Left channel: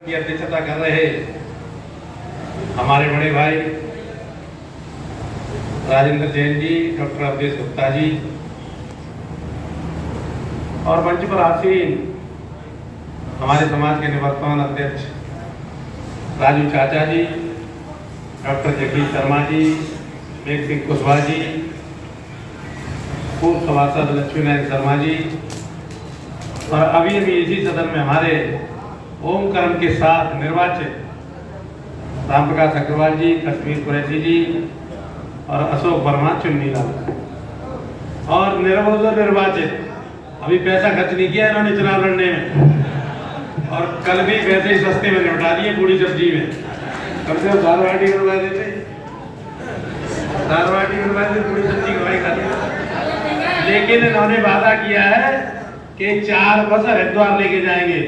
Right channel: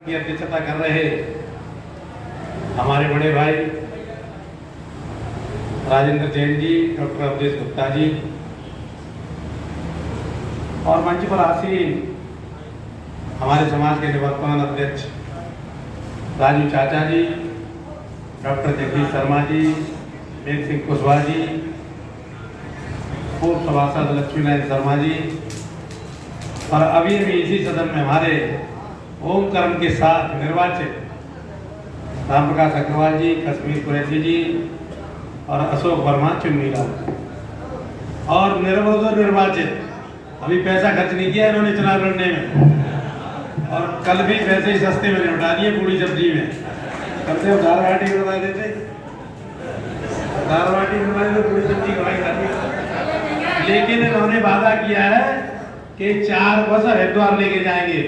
की अध्यक्षता कर रहे हमारे बड़े भाई राजेंद्र जैन जी, डॉक्टर अवधेश गुप्ता जी और मंच पर आसीन हमारे समाज के निवर्तमान अध्यक्ष राजू चाचा जी, डॉक्टर जगदीश शर्मा जी, एक सिंह कुशवाहा जी, पूर्व सभासद लक्ष्मी नारायण शर्मा जी और अभी इसी सदन में हमारे ओम कर्म के साथ निर्वाचित राम प्रकाश अग्रवाल जी, कश्मीर कुरैशी जी और अशोक वर्मा चुन्नीलाल और निर्वाचित अभी पैसा खर्च नहीं किया इन्होंने चुनाव लड़ने में और कल भी पैसे सस्ते में निपटा दिए पूरी सब्जी में। कम से कम दाल बाटी बनवा देते, दाल बाटी बनवा देते, पूरी सब्जी कमाई करते। लेकिन इन्होंने वादा किया है कि 4 बस हरिद्वार लेके जाएंगे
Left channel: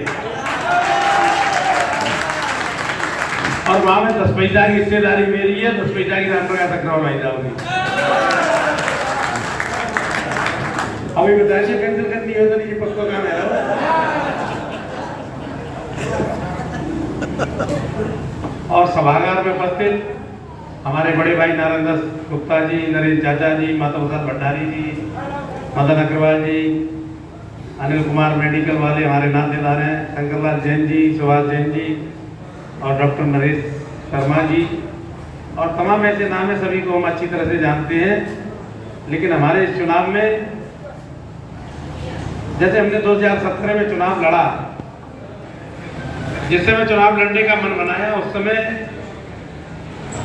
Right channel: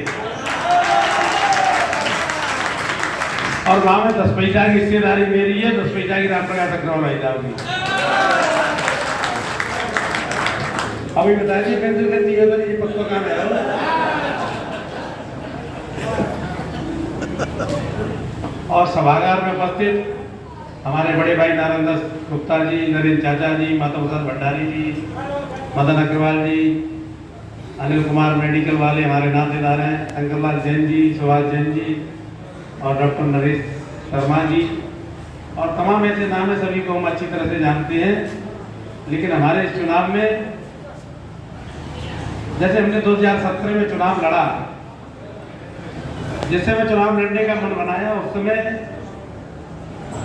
और वहां में 10 पैसा की हिस्सेदारी मेरी है, 10 पैसा की राम प्रकाश अग्रवाल भाई साहब की। अभी बताइए कैंसिल कर दिया तो ये पक्का काम है। और सभागार में उपस्थित हमारे बड़े भाई नारायण दास गुप्ता जी, नरेंद्र चाचा जी, माता प्रसाद भंडारी जी, मदन अग्रवाल जी, अनिल कुमार मेडिकल वाले हमारे नातेदार हैं, शंकरलाल जैन जी, सुभाष जैन जी और डॉक्टर नरेश शर्मा जी और तमाम ऐसे नाम है, सभी को हम अच्छी तरह से जानते हैं। लेकिन हमारे इस चुनाव में जैसे हमने 2017 में चुनाव लड़ा, जिस समय चुनाव लड़ने का मन बनाया उस समय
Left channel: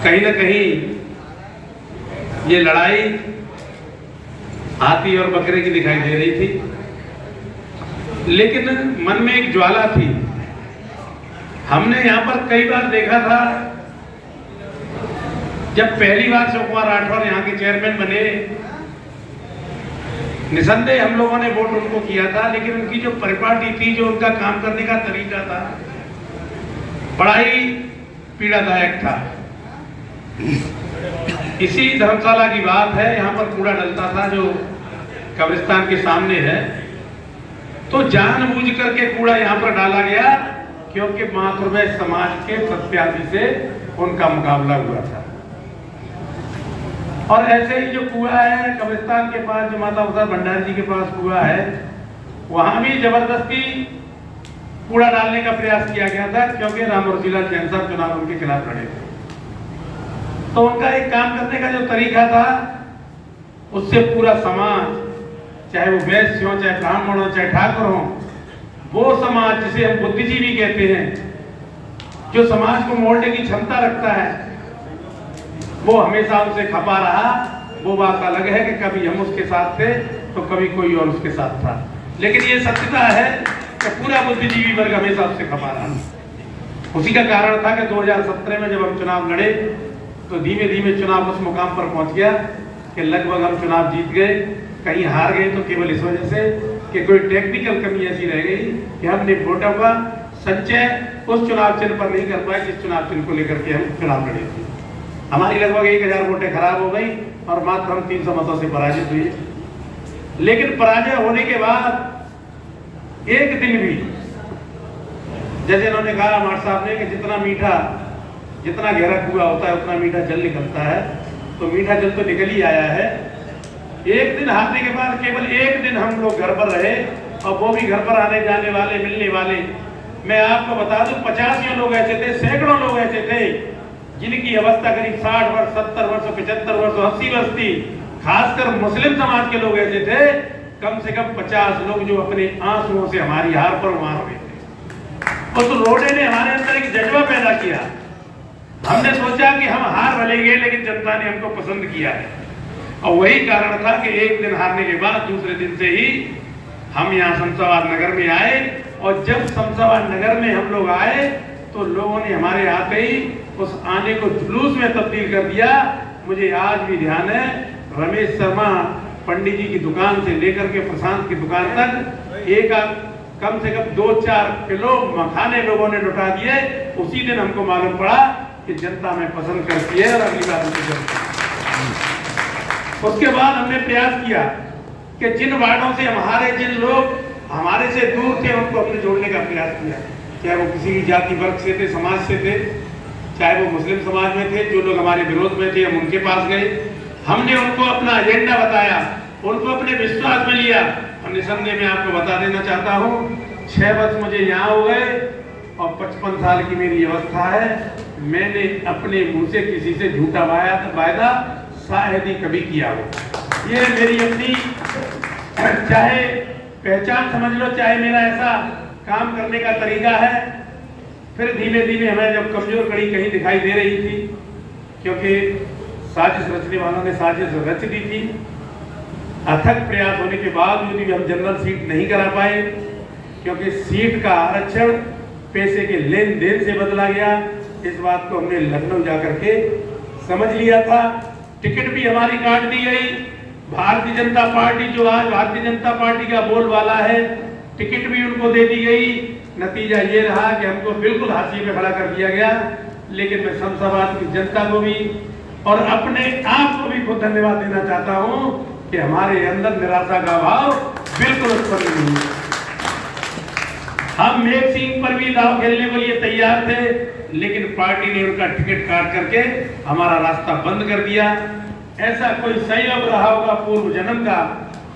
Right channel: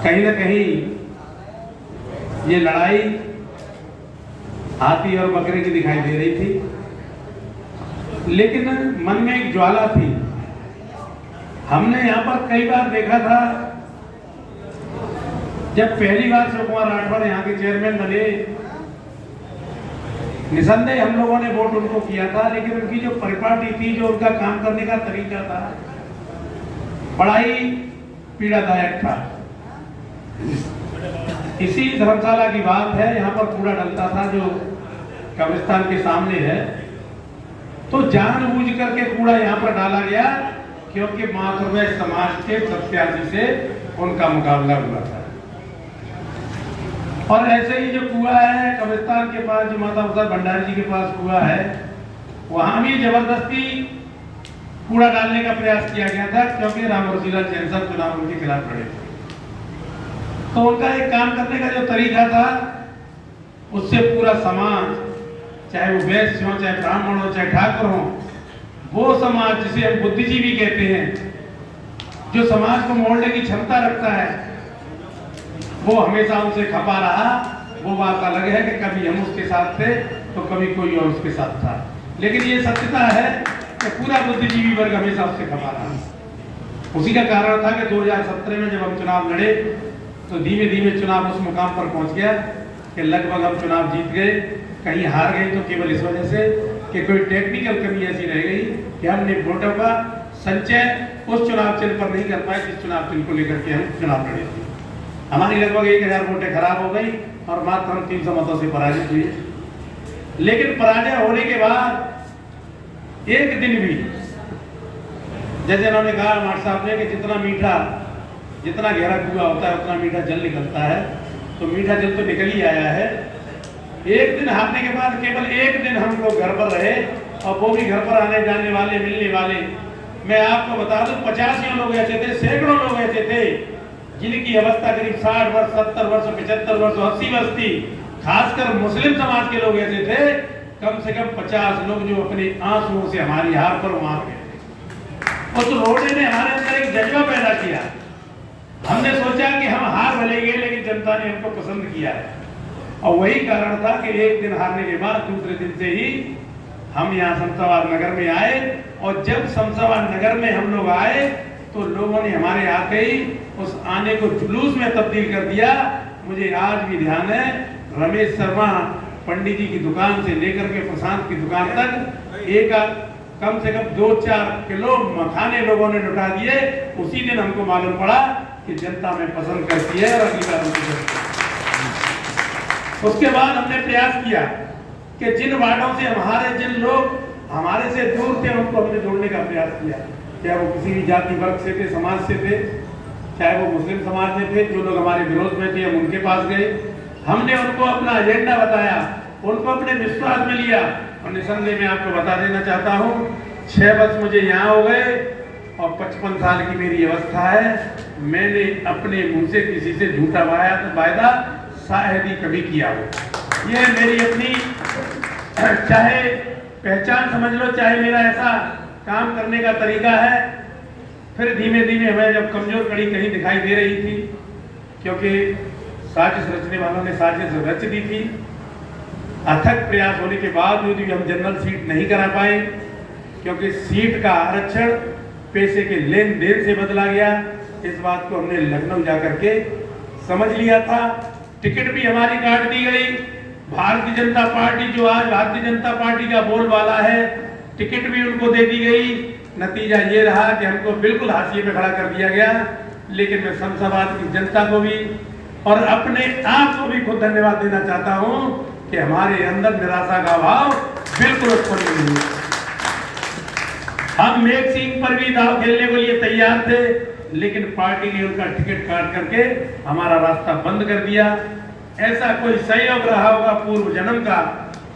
कहीं ना कहीं ये लड़ाई हाथी और बकरे की दिखाई दे रही थी, लेकिन मन में एक ज्वाला थी। हमने यहाँ पर कई बार देखा था, जब पहली बार शिव कुमार राठौर यहाँ के चेयरमैन बने, निसंदेह हम लोगों ने वोट उनको किया था, लेकिन उनकी जो परिपाटी थी, जो उनका काम करने का तरीका था, बड़ा ही पीड़ादायक था। इसी धर्मशाला की बात है, यहाँ पर कूड़ा डलता था जो कब्रिस्तान के सामने है, तो जानबूझ करके कूड़ा यहाँ पर डाला गया क्योंकि मातृवैश्य समाज के प्रत्याशी से उनका मुकाबला हुआ था। और ऐसे ही जो कुआं है कब्रिस्तान के पास, जो माता प्रसाद भंडारी जी के पास कुआं है, वहां भी जबरदस्ती कूड़ा डालने का प्रयास किया गया था क्योंकि राम रसीलाल जैन साहब चुनाव उनके खिलाफ लड़े थे। तो उनका एक काम करने का जो तरीका था, उससे पूरा समाज, चाहे वो वैश्य हो, चाहे ब्राह्मण हो, चाहे ठाकुर हो, वो समाज जिसे हम बुद्धिजीवी कहते हैं, जो समाज को मोड़ने की क्षमता रखता है, वो हमेशा उनसे खपा रहा। वो बात अलग है कि कभी हम उसके साथ थे तो कभी कोई और उसके साथ था, लेकिन ये सत्यता है कि पूरा बुद्धिजीवी वर्ग हमेशा उससे खपा रहा। उसी का कारण था कि 2017 में जब हम चुनाव लड़े तो धीमे धीमे चुनाव उस मुकाम पर पहुंच गया कि लगभग हम चुनाव जीत गए। कहीं हार गए तो केवल इस वजह से कि कोई टेक्निकल कमी ऐसी रह गई कि हमने वोटों का संचय उस चुनाव चिन्ह पर नहीं कर पाए जिस चुनाव चिन्ह को लेकर के हम चुनाव लड़े थे। हमारी लगभग 1000 वोटें खराब हो गई और मात्र हम 300 मतों से पराजित हुए। लेकिन पराजय होने के बाद एक दिन भी, जैसे इन्होंने कहा हमारे साहब ने, कि जितना मीठा, जितना गहरा कुआं होता है उतना मीठा जल निकलता है, तो मीठा जल तो निकल ही आया है। एक दिन हारने के बाद केवल एक दिन हम लोग घर पर रहे और वो भी घर पर आने जाने वाले, मिलने वाले, मैं आपको बता दूं 50 लोग ऐसे थे, सैकड़ों लोग ऐसे थे जिनकी अवस्था करीब 60 वर्ष, 70 वर्ष, 75 वर्ष, 80 वर्ष थी। खासकर मुस्लिम समाज के लोग ऐसे थे, कम से कम 50 लोग जो अपने आंसुओं से हमारी हार पर मार रहे थे। उस रोने ने हमारे अंदर एक जज्बा पैदा किया। हमने सोचा कि हम हार भले गए लेकिन जनता ने हमको पसंद किया है, और वही कारण था कि एक दिन हारने के बाद दूसरे दिन से ही हम यहाँ शमशाबाद नगर में आए। और जब शमशाबाद नगर में हम लोग आए तो लोगों ने हमारे आते ही उस आने को जुलूस में तब्दील कर दिया। मुझे आज भी ध्यान है, रमेश शर्मा पंडित जी की दुकान से लेकर के प्रशांत की दुकान तक एक कम से कम 2-4 किलो मखाने लोगों ने लुटा दिए। उसी दिन हमको मालूम पड़ा कि जनता में पसंद करती है और अगली बार उसके बाद हमने प्रयास किया कि जिन वार्डों से हमारे, जिन लोग हमारे से दूर थे, उनको हमने जोड़ने का प्रयास किया। चाहे वो किसी भी जाति वर्ग से थे, समाज से थे, चाहे वो मुस्लिम समाज में थे, जो लोग हमारे विरोध में थे हम उनके पास गए, हमने उनको अपना एजेंडा बताया, उनको अपने विश्वास में लिया। और निसंदेह मैं आपको बता देना चाहता हूँ 6 वर्ष मुझे यहाँ हो गए और 55 साल की मेरी अवस्था है। मैंने अपने मुंह से किसी से झूठा वायदा शायद ही कभी किया हो। ये मेरी अपनी चाहे पहचान समझ लो, चाहे मेरा ऐसा काम करने का तरीका है। फिर धीमे धीमे हमें जब कमजोर कड़ी कहीं दिखाई दे रही थी, क्योंकि साजिश रचने वालों ने साजिश रच दी थी, अथक प्रयास होने के बावजूद भी हम जनरल सीट नहीं करा पाए, क्योंकि सीट का आरक्षण पैसे के लेन देन से बदला गया। इस बात को हमने लखनऊ जाकर के समझ लिया था। टिकट भी हमारी काट दी गई। भारतीय जनता पार्टी, जो आज भारतीय जनता पार्टी का बोलबाला है, टिकट भी उनको दे दी गई। नतीजा ये रहा कि हमको बिल्कुल हाशिए पे खड़ा कर दिया गया। लेकिन मैं शमशाबाद की जनता को भी और अपने आप को भी खुद धन्यवाद देना चाहता हूं कि हमारे अंदर निराशा का भाव बिल्कुल उत्पन्न नहीं हुआ। हम मेघ सिंह पर भी दाव खेलने के लिए तैयार थे, लेकिन पार्टी ने उनका टिकट काट करके हमारा रास्ता बंद कर दिया। ऐसा कोई संयोग रहा होगा पूर्व जन्म का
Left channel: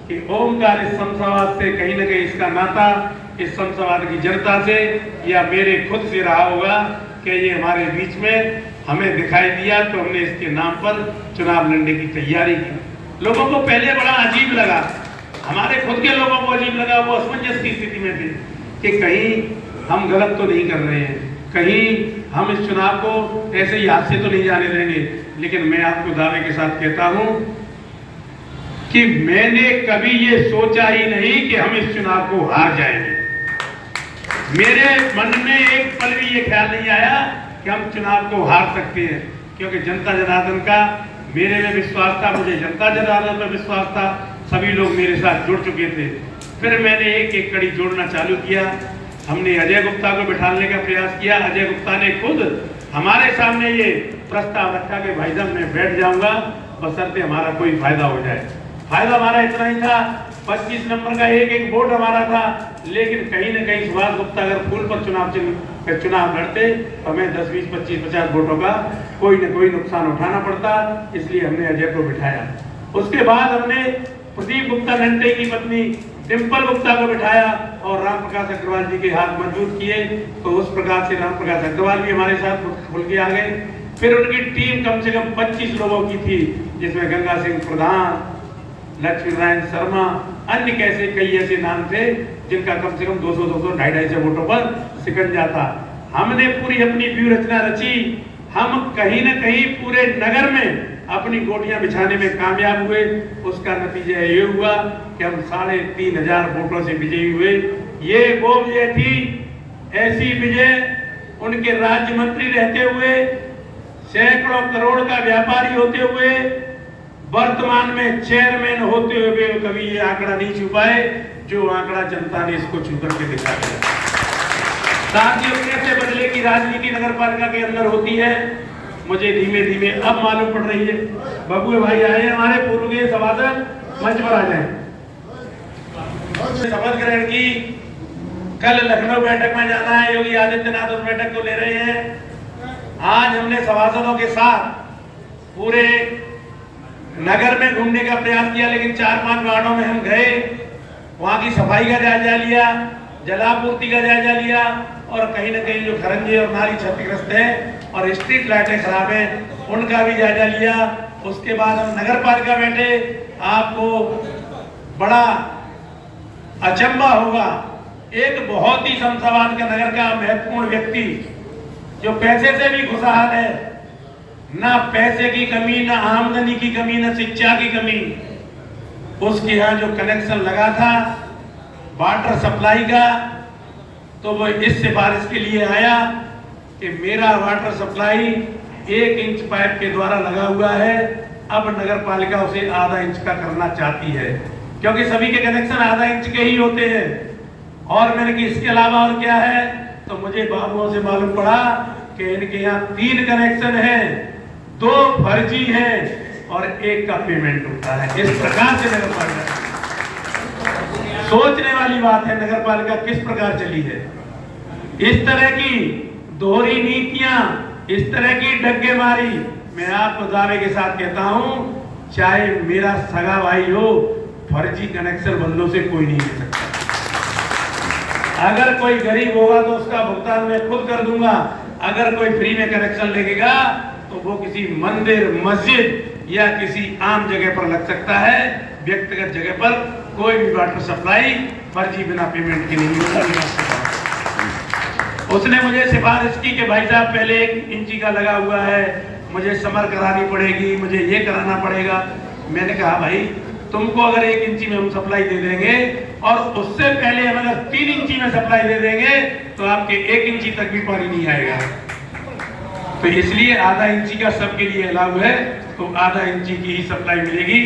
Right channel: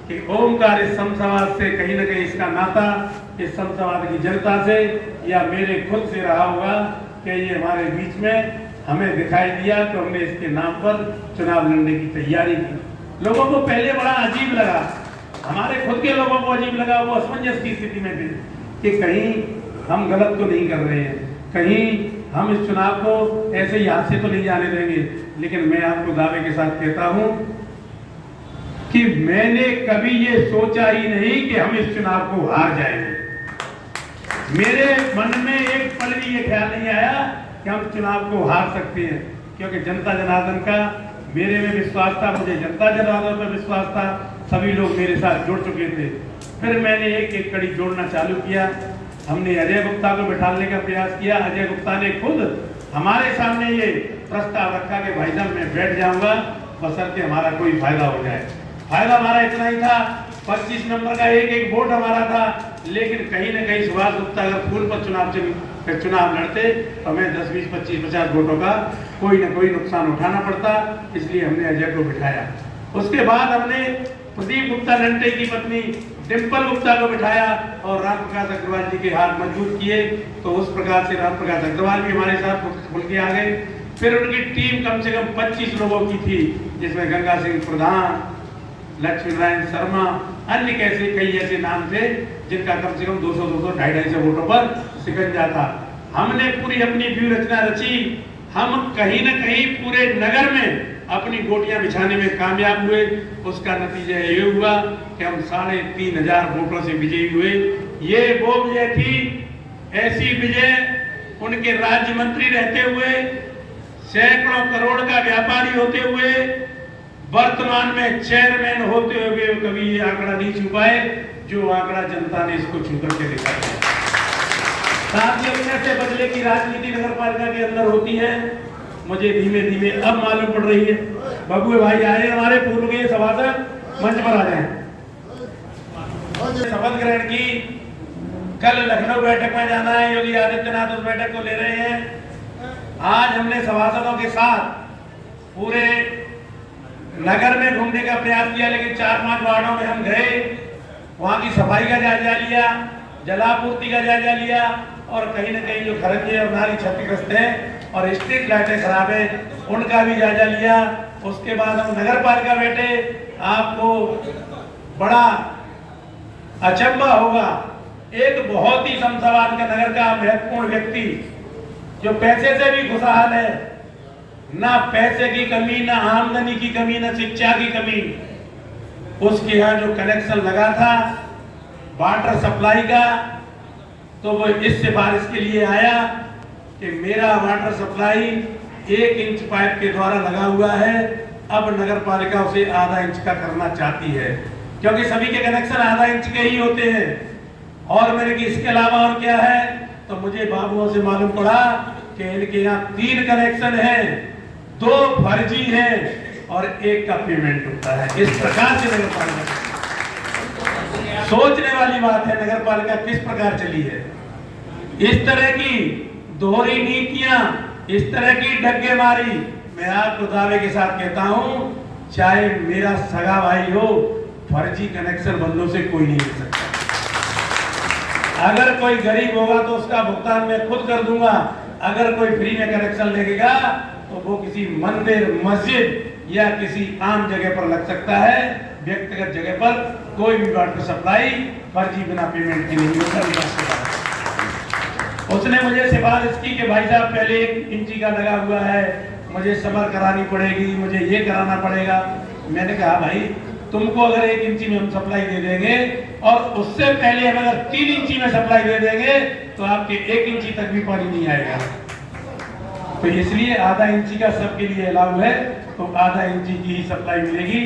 कि ओमकार इस शमशाबाद से कहीं न कहीं इसका नाता इस शमशाबाद की जनता से या मेरे खुद से रहा होगा कि ये हमारे बीच में हमें दिखाई दिया, तो हमने इसके नाम पर चुनाव लड़ने की तैयारी की। लोगों को पहले बड़ा अजीब लगा, हमारे खुद के लोगों को अजीब लगा। वो असमंजस की स्थिति में थे कि कहीं हम गलत तो नहीं कर रहे हैं, कहीं हम इस चुनाव को ऐसे ही हाथ से तो नहीं जाने देंगे। लेकिन मैं आपको दावे के साथ कहता हूं कि मैंने कभी ये सोचा ही नहीं कि हम इस चुनाव को हार जाएंगे। मेरे मन में एक पल भी ये ख्याल नहीं आया कि हम चुनाव को हार सकते हैं, क्योंकि जनता जनार्दन का मेरे में विश्वास था, मुझे जनता जनार्दन पर विश्वास था, सभी लोग मेरे साथ जुड़ चुके थे। फिर मैंने एक एक कड़ी जोड़ना चालू किया। हमने अजय गुप्ता को बिठाने का प्रयास किया। अजय गुप्ता ने खुद हमारे सामने ये प्रस्ताव रखा कि भाई साहब मैं बैठ जाऊंगा, बशर्ते हमारा कोई फायदा हो जाए। फायदा हमारा इतना ही था, 25 नंबर का एक वोट हमारा था। लेकिन कहीं न कहीं सुभाष गुप्ता अगर फूल पर चुनाव लड़ते तो हमें 10, 20, 25, 50 वोटों का कोई न कोई नुकसान उठाना पड़ता। इसलिए हमने अजय को बिठाया। उसके बाद हमने प्रदीप गुप्ता नंटे की पत्नी डिम्पल गुप्ता को बिठाया और राम प्रकाश अग्रवाल जी के हाथ मजबूत किए। तो उस प्रकार से राम प्रकाश अग्रवाल भी हमारे साथ खुल के आ गए। फिर उनकी टीम कम से कम 25 लोगों की थी, जिसमें गंगा सिंह प्रधान, लक्ष्मी नारायण शर्मा, अन्य कैसे कई ऐसे नाम थे जिनका कम से कम 200, 250 वोटों पर शिकंजा था। हमने पूरी अपनी व्यूह रचना रची। हम कहीं न कहीं पूरे नगर में अपनी गोटियां बिछाने में कामयाब हुए। उसका नतीजा ये हुआ कि हम 3500 वोटों से विजयी हुए। ये वो विजय थी, ऐसी विजय उनके राज्य मंत्री रहते हुए, सैकड़ों करोड़ का व्यापारी होते हुए, वर्तमान में चेयरमैन होते हुए कभी ये आंकड़ा नहीं छू पाए, जो आंकड़ा जनता ने इसको छू करके देखा है। साथियों, कैसे बदले की राजनीति नगर पालिका के अंदर होती है, मुझे धीमे धीमे अब मालूम पड़ रही है। बबुए भाई आए हमारे पूर्व के सभासद, मंच पर आ जाए। शपथ ग्रहण की, कल लखनऊ बैठक में जाना है, योगी आदित्यनाथ उस बैठक को ले रहे हैं। आज हमने सभासदों के साथ पूरे नगर में घूमने का प्रयास किया, लेकिन 4-5 वार्डों में हम गए, वहां की सफाई का जायजा लिया, जलापूर्ति का जायजा लिया, और कहीं न कहीं जो खरंजे और नाली क्षतिग्रस्त है और स्ट्रीट लाइटें खराब है उनका भी जायजा लिया। उसके बाद हम नगर पालिका बैठे। आपको बड़ा अचंभा होगा, एक बहुत ही शमशाबाद का नगर का महत्वपूर्ण व्यक्ति जो पैसे से भी खुशहाल है, ना पैसे की कमी, ना आमदनी की कमी, ना शिक्षा की कमी, उसके यहाँ जो कनेक्शन लगा था वाटर सप्लाई का, तो वो इस सिफारिश के लिए आया कि मेरा वाटर सप्लाई 1 इंच पाइप के द्वारा लगा हुआ है, अब नगर पालिका उसे आधा इंच का करना चाहती है, क्योंकि सभी के कनेक्शन आधा इंच के ही होते हैं। और मैंने कि इसके अलावा और क्या है, तो मुझे बाबुओं से मालूम पड़ा कि इनके यहाँ 3 कनेक्शन हैं, 2 फर्जी हैं और 1 का पेमेंट होता है। इस प्रकार से नगर पालिका, सोचने वाली बात है नगर पालिका किस प्रकार चली है। इस तरह की दोहरी नीतियां, इस तरह की डग्गेमारी, मैं आपको दावे के साथ कहता हूं, चाहे मेरा सगा भाई हो, फर्जी कनेक्शन बंदों से कोई नहीं ले सकता। अगर कोई गरीब होगा तो उसका भुगतान मैं खुद कर दूंगा। अगर कोई फ्री में कनेक्शन लेगा तो वो किसी मंदिर, मस्जिद या किसी आम जगह पर लग सकता है। व्यक्तिगत जगह पर कोई भी वाटर सप्लाई फर्जी बिना पेमेंट की नहीं होता। उसने मुझे सिफारिश की कि भाई साहब पहले 1 इंची का लगा हुआ है, मुझे समर करानी पड़ेगी, मुझे ये कराना पड़ेगा। मैंने कहा भाई तुमको अगर 1 इंची में हम सप्लाई दे देंगे और उससे पहले हम अगर 3 इंची में सप्लाई दे देंगे तो आपके 1 इंची तक भी पानी नहीं आएगा। तो इसलिए आधा इंची का सबके लिए अलाउ है, तो आधा इंची की ही सप्लाई मिलेगी।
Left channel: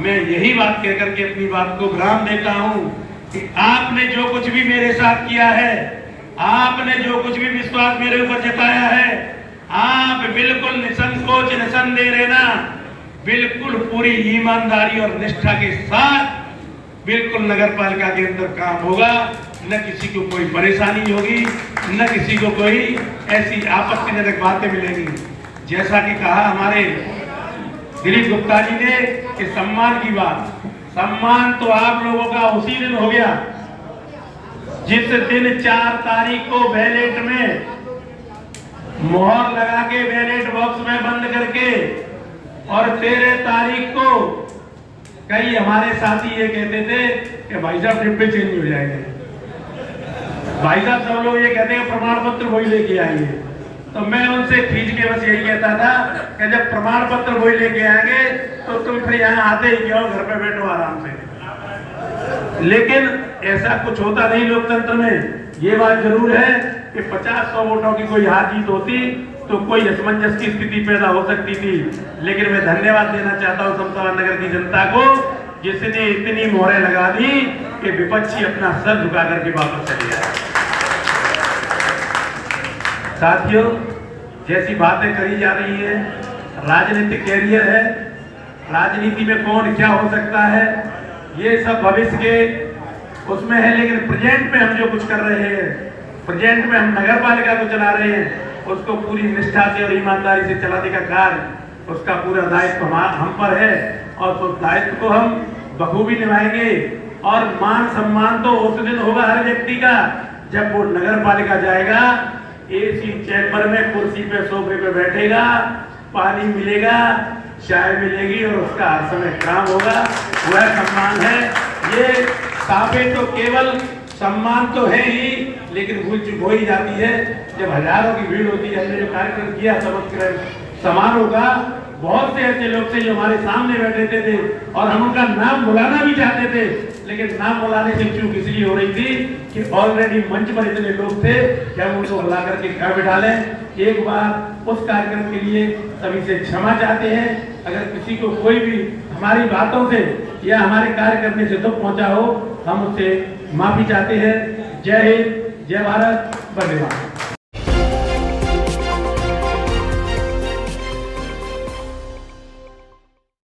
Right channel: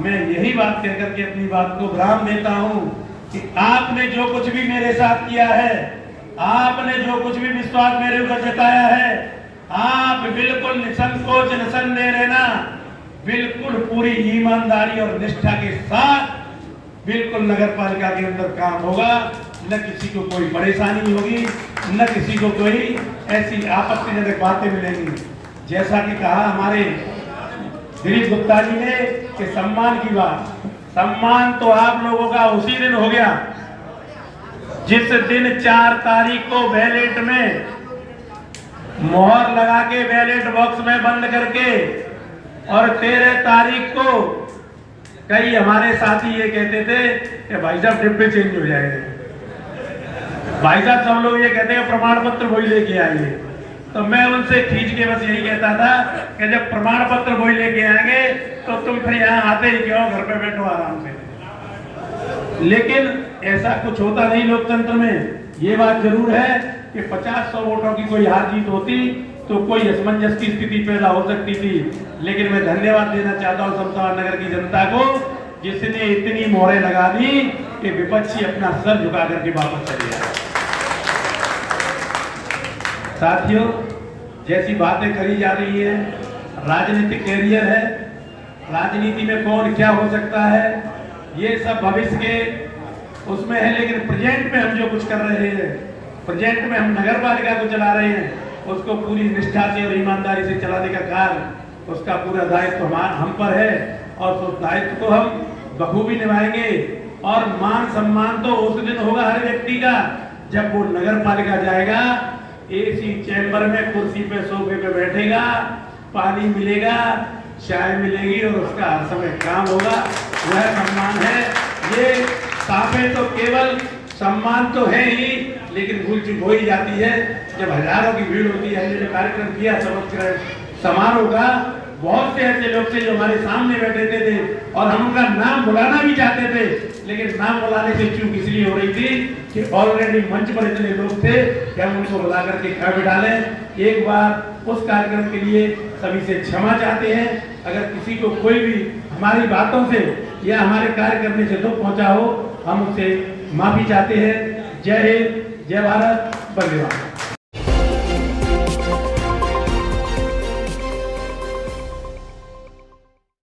मैं यही बात कह करके अपनी बात को विराम देता हूं कि आपने जो कुछ भी मेरे साथ किया है, आपने जो कुछ भी विश्वास मेरे ऊपर जताया है, आप बिल्कुल निसंकोच निसंदेह रहना, बिल्कुल पूरी ईमानदारी और निष्ठा के साथ बिल्कुल नगर पालिका के अंदर काम होगा। न किसी को कोई परेशानी होगी, न किसी को कोई ऐसी आपत्तिजनक बातें मिलेंगी। जैसा कि कहा हमारे दिलीप गुप्ता जी ने कि सम्मान की बात, सम्मान तो आप लोगों का उसी दिन हो गया जिस दिन 4 तारीख को बैलेट में मोहर लगा के बैलेट बॉक्स में बंद करके, और 13 तारीख को कई हमारे साथी ये कहते थे कि भाई साहब डिब्बे चेंज हो जाएंगे, भाई साहब सब लोग ये कहते हैं प्रमाण पत्र वही लेके आएंगे। तो मैं उनसे खींच के बस यही कहता था कि जब प्रमाण पत्र वही लेके आएंगे तो तुम फिर यहाँ आते ही क्यों, घर पे बैठो आराम से। लेकिन ऐसा कुछ होता नहीं लोकतंत्र में। ये बात जरूर है कि 50-100 वोटों की कोई हार जीत होती तो कोई असमंजस की स्थिति पैदा हो सकती थी। लेकिन मैं धन्यवाद देना चाहता हूँ शमशाबाद नगर की जनता को, जिसने इतनी मोहरें लगा दी कि विपक्षी अपना सर झुका करके वापस चले आए। साथियों, जैसी बातें करी जा रही है, राजनीतिक कैरियर है, राजनीति में कौन क्या हो सकता है, ये सब भविष्य के उसमें है। लेकिन प्रेजेंट में हम जो कुछ कर रहे हैं, प्रेजेंट में हम नगर पालिका को चला रहे हैं, उसको पूरी निष्ठा से और ईमानदारी से चलाने का कार्य, उसका पूरा दायित्व हम पर है और उस दायित्व को हम बखूबी निभाएंगे। और मान सम्मान तो उस दिन होगा हर व्यक्ति का जब वो नगर पालिका जाएगा, एसी चैम्बर में कुर्सी पे सोफे पे बैठेगा, पानी मिलेगा, चाय मिलेगी और उसका हर समय काम होगा। वह सम्मान है। ये साफे तो केवल सम्मान तो है ही, लेकिन भूल चूक हो ही जाती है जब हजारों की भीड़ होती है। जो कार्यक्रम किया समझकर समारोह का, बहुत से ऐसे लोग थे जो हमारे सामने बैठे थे और हम उनका नाम बुलाना भी चाहते थे, लेकिन नाम बुलाने से चूक इसलिए हो रही थी कि ऑलरेडी मंच पर इतने लोग थे कि हम उनको बुला करके घर बिठा लें। एक बार उस कार्यक्रम के लिए सभी से क्षमा चाहते हैं। अगर किसी को कोई भी हमारी बातों से या हमारे कार्य करने से दुख पहुंचा हो, हम उससे माफी चाहते हैं। जय हिंद, जय भारत, वंदे मातरम।